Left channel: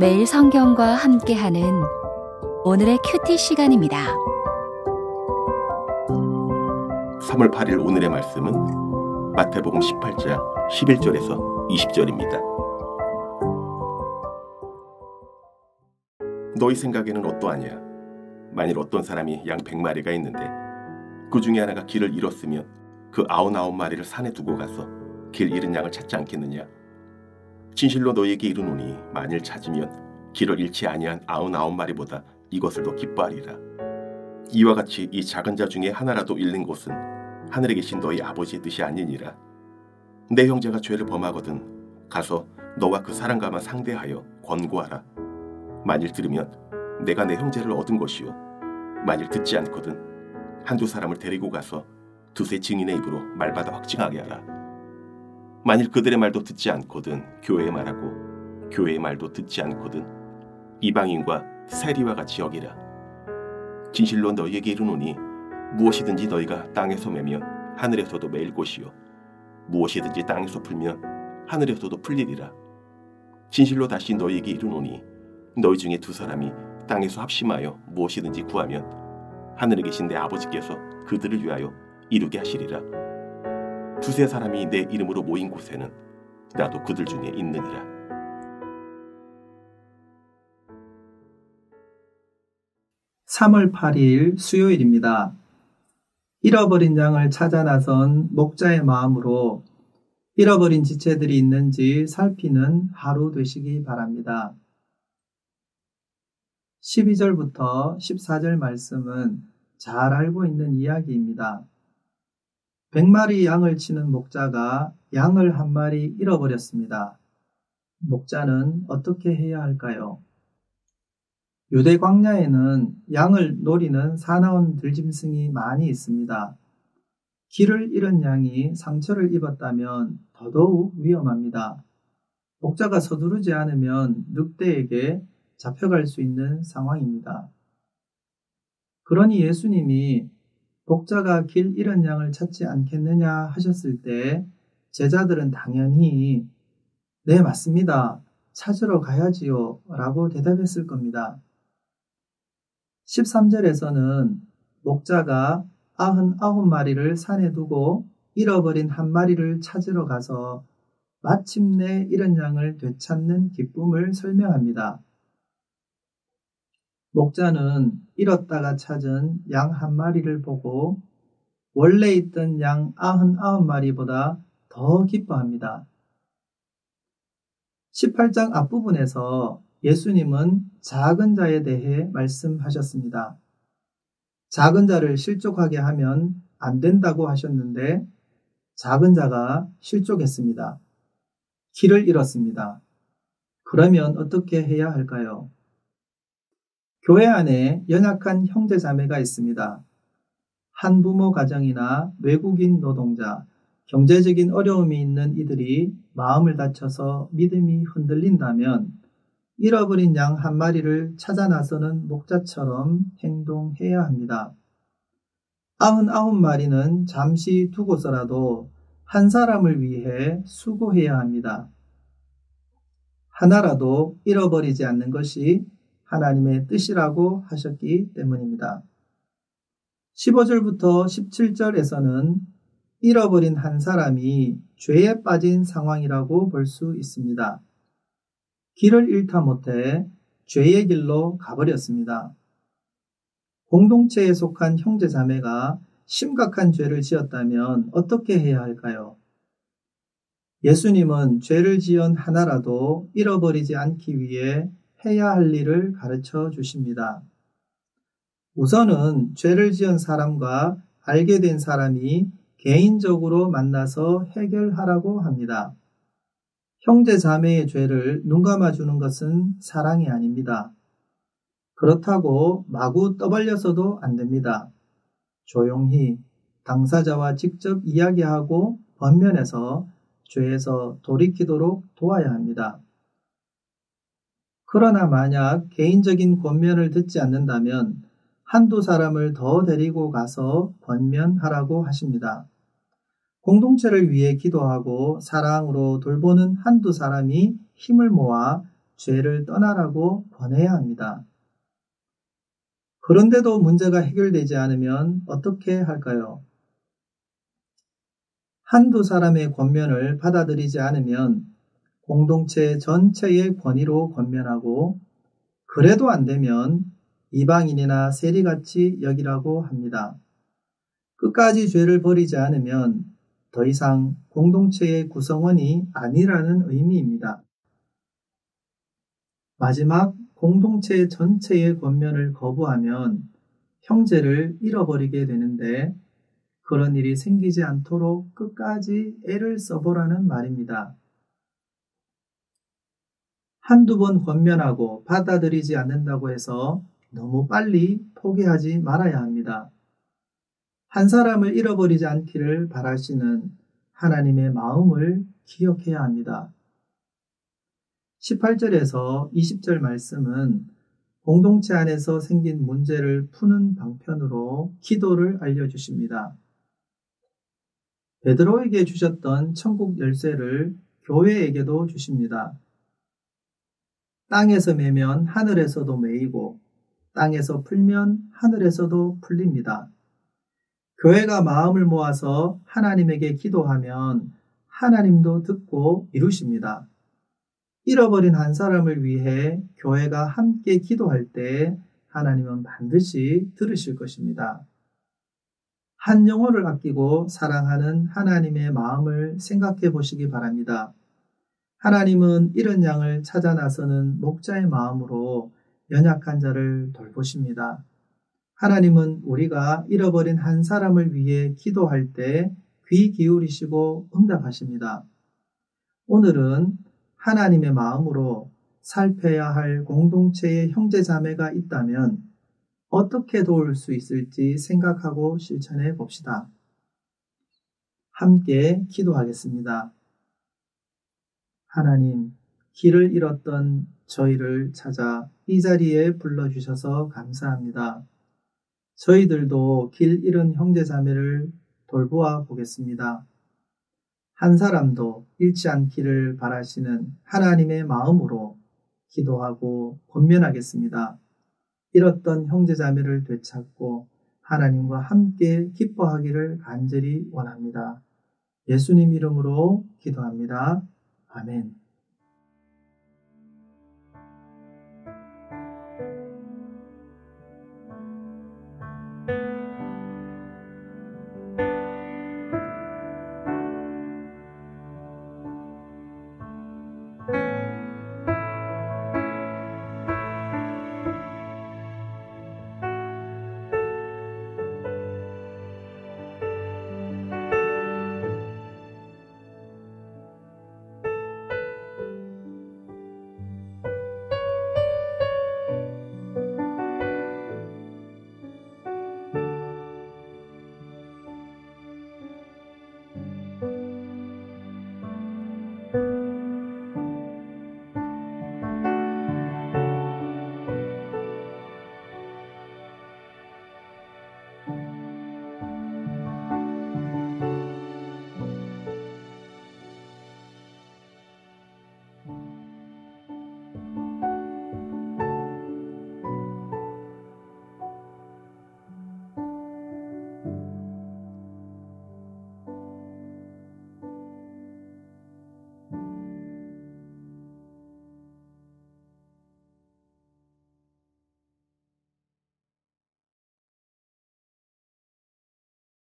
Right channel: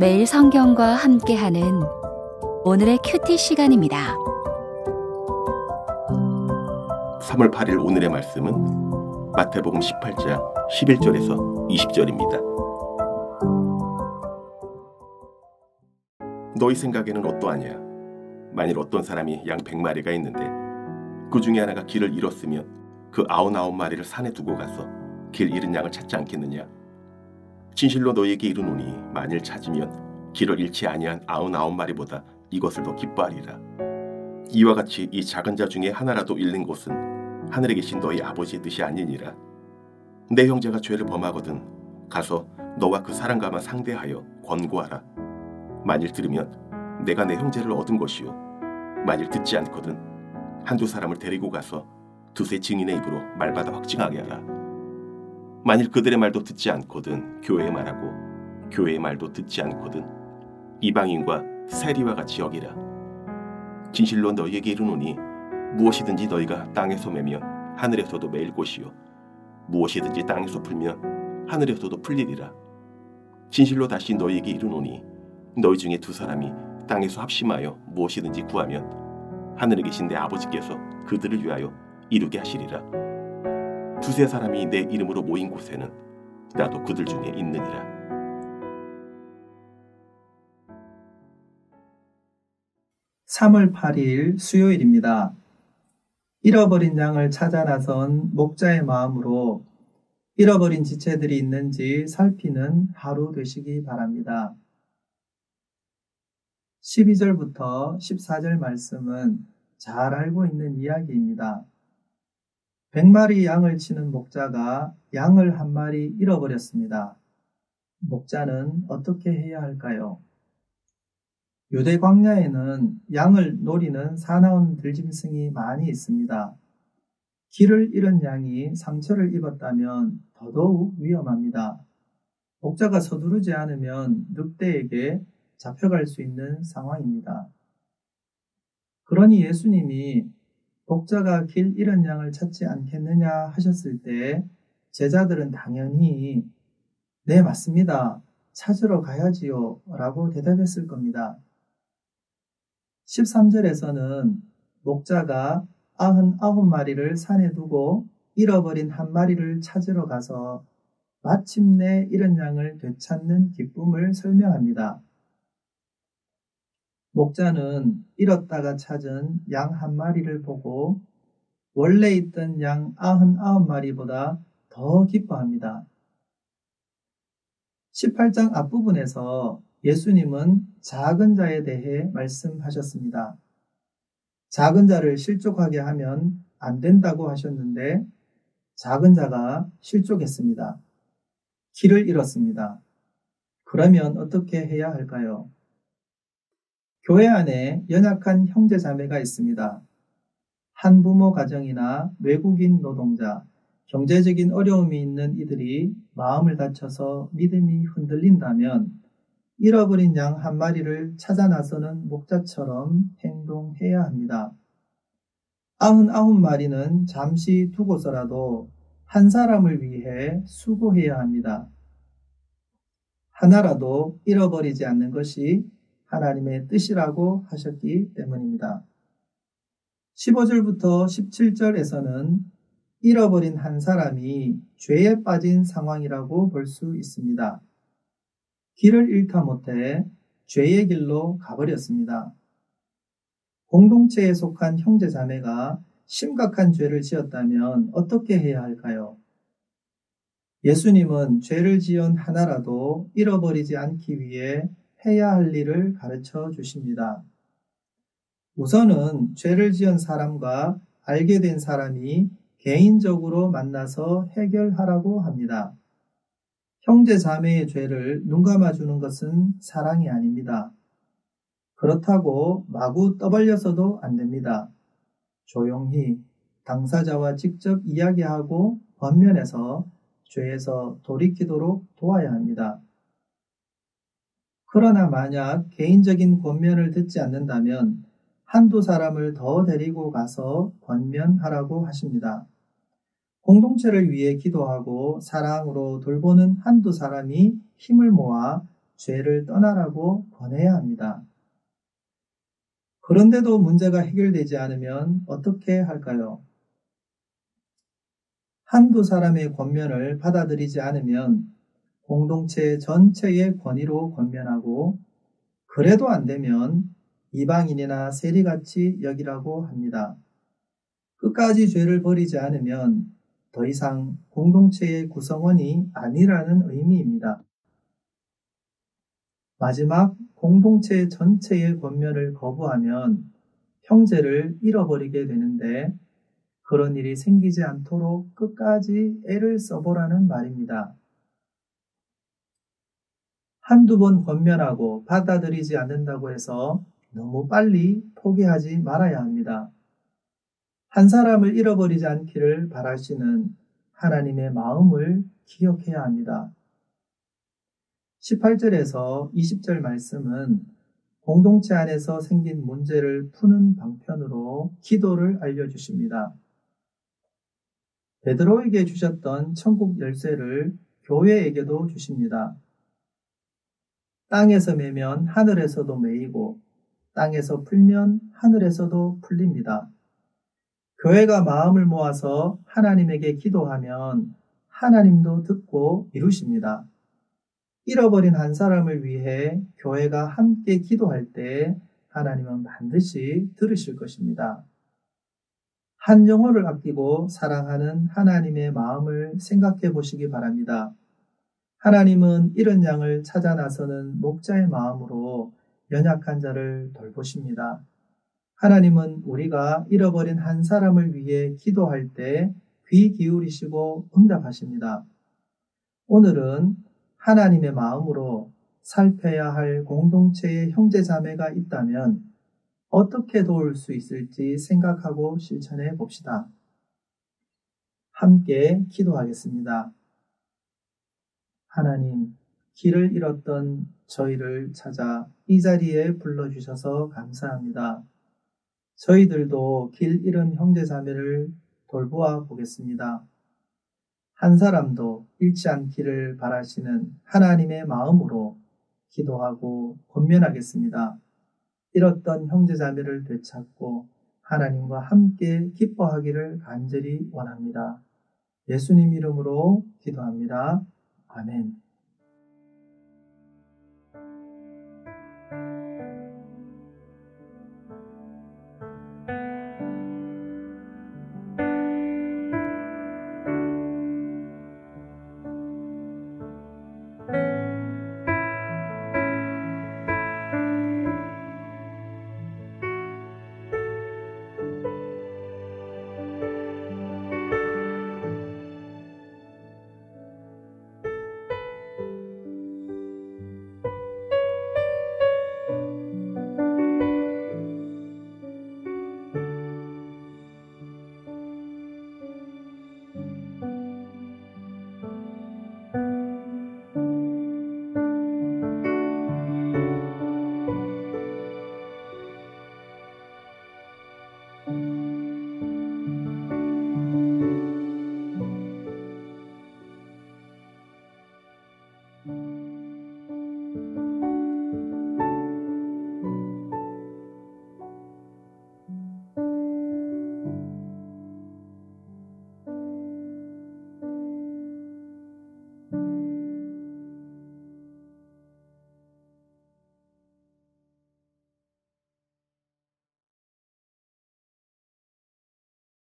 매일 성경과 함께하는 오늘의 큐티 시간입니다. 3월 8일 오늘의 말씀은 마태복음 18장 11절에서 20절입니다. 너희 생각에는 어떠하냐? 만일 어떤 사람이 양 100마리가 있는데 그 중에 하나가 길을 잃었으면 그 99마리를 산에 두고 가서 길 잃은 양을 찾지 않겠느냐? 진실로 너희에게 이르노니 만일 찾으면 길을 잃지 아니한 99마리보다 이것을 더 기뻐하리라. 이와 같이 이 작은 자 중에 하나라도 잃는 곳은 하늘에 계신 너희 아버지의 뜻이 아니니라. 내 형제가 죄를 범하거든 가서 너와 그 사람과만 상대하여 권고하라. 만일 들으면 내가 내 형제를 얻은 것이요, 만일 듣지 않거든 한두 사람을 데리고 가서 두세 증인의 입으로 말받아 확증하게 하라. 만일 그들의 말도 듣지 않거든 교회의 말하고 교회의 말도 듣지 않거든 이방인과 세리와 같이 여기라. 진실로 너희에게 이르노니 무엇이든지 너희가 땅에서 매면 하늘에서도 매일 것이요, 무엇이든지 땅에서 풀면 하늘에서도 풀리리라. 진실로 다시 너희에게 이르노니 너희 중에 두 사람이 땅에서 합심하여 무엇이든지 구하면 하늘에 계신 내 아버지께서 그들을 위하여 이루게 하시리라. 두세 사람이 내 이름으로 모인 곳에는 나도 그들 중에 있느니라. (3월 8일) 수요일입니다. 잃어버린 양을 찾아 나선 목자의 마음으로 잃어버린 지체들이 있는지 살피는 하루 되시기 바랍니다. 12절부터 14절 말씀은 잘 알고 있는 이야기입니다. 100마리 양을 치는 목자가 양을 한 마리 잃어버렸습니다. 목자는 어떻게 해야 할까요? 유대 광야에는 양을 노리는 사나운 들짐승이 많이 있습니다. 길을 잃은 양이 상처를 입었다면 더더욱 위험합니다. 목자가 서두르지 않으면 늑대에게 잡혀갈 수 있는 상황입니다. 그러니 예수님이 목자가 길 잃은 양을 찾지 않겠느냐 하셨을 때 제자들은 당연히 네, 맞습니다. 찾으러 가야지요 라고 대답했을 겁니다. 13절에서는 목자가 99마리를 산에 두고 잃어버린 한 마리를 찾으러 가서 마침내 잃은 양을 되찾는 기쁨을 설명합니다. 목자는 잃었다가 찾은 양 한 마리를 보고 원래 있던 양 99마리보다 더 기뻐합니다. 18장 앞부분에서 예수님은 작은 자에 대해 말씀하셨습니다. 작은 자를 실족하게 하면 안 된다고 하셨는데 작은 자가 실족했습니다. 길을 잃었습니다. 그러면 어떻게 해야 할까요? 교회 안에 연약한 형제 자매가 있습니다. 한부모 가정이나 외국인 노동자, 경제적인 어려움이 있는 이들이 마음을 다쳐서 믿음이 흔들린다면 잃어버린 양 한 마리를 찾아 나서는 목자처럼 행동해야 합니다. 99마리는 잠시 두고서라도 한 사람을 위해 수고해야 합니다. 하나라도 잃어버리지 않는 것이 하나님의 뜻이라고 하셨기 때문입니다. 15절부터 17절에서는 잃어버린 한 사람이 죄에 빠진 상황이라고 볼 수 있습니다. 길을 잃다 못해 죄의 길로 가버렸습니다. 공동체에 속한 형제 자매가 심각한 죄를 지었다면 어떻게 해야 할까요? 예수님은 죄를 지은 하나라도 잃어버리지 않기 위해 해야 할 일을 가르쳐 주십니다. 우선은 죄를 지은 사람과 알게 된 사람이 개인적으로 만나서 해결하라고 합니다. 형제 자매의 죄를 눈감아주는 것은 사랑이 아닙니다. 그렇다고 마구 떠벌려서도 안 됩니다. 조용히 당사자와 직접 이야기하고 번면해서 죄에서 돌이키도록 도와야 합니다. 그러나 만약 개인적인 권면을 듣지 않는다면 한두 사람을 더 데리고 가서 권면하라고 하십니다. 공동체를 위해 기도하고 사랑으로 돌보는 한두 사람이 힘을 모아 죄를 떠나라고 권해야 합니다. 그런데도 문제가 해결되지 않으면 어떻게 할까요? 한두 사람의 권면을 받아들이지 않으면 공동체 전체의 권위로 권면하고, 그래도 안 되면 이방인이나 세리같이 여기라고 합니다. 끝까지 죄를 버리지 않으면 더 이상 공동체의 구성원이 아니라는 의미입니다. 마지막 공동체 전체의 권면을 거부하면 형제를 잃어버리게 되는데, 그런 일이 생기지 않도록 끝까지 애를 써보라는 말입니다. 한두 번 권면하고 받아들이지 않는다고 해서 너무 빨리 포기하지 말아야 합니다. 한 사람을 잃어버리지 않기를 바라시는 하나님의 마음을 기억해야 합니다. 18절에서 20절 말씀은 공동체 안에서 생긴 문제를 푸는 방편으로 기도를 알려주십니다. 베드로에게 주셨던 천국 열쇠를 교회에게도 주십니다. 땅에서 매면 하늘에서도 매이고, 땅에서 풀면 하늘에서도 풀립니다. 교회가 마음을 모아서 하나님에게 기도하면 하나님도 듣고 이루십니다. 잃어버린 한 사람을 위해 교회가 함께 기도할 때 하나님은 반드시 들으실 것입니다. 한 영혼을 아끼고 사랑하는 하나님의 마음을 생각해 보시기 바랍니다. 하나님은 이런 양을 찾아 나서는 목자의 마음으로 연약한 자를 돌보십니다. 하나님은 우리가 잃어버린 한 사람을 위해 기도할 때 귀 기울이시고 응답하십니다. 오늘은 하나님의 마음으로 살펴야 할 공동체의 형제자매가 있다면 어떻게 도울 수 있을지 생각하고 실천해 봅시다. 함께 기도하겠습니다. 하나님, 길을 잃었던 저희를 찾아 이 자리에 불러주셔서 감사합니다. 저희들도 길 잃은 형제자매를 돌보아 보겠습니다. 한 사람도 잃지 않기를 바라시는 하나님의 마음으로 기도하고 권면하겠습니다. 잃었던 형제자매를 되찾고 하나님과 함께 기뻐하기를 간절히 원합니다. 예수님 이름으로 기도합니다. 아멘.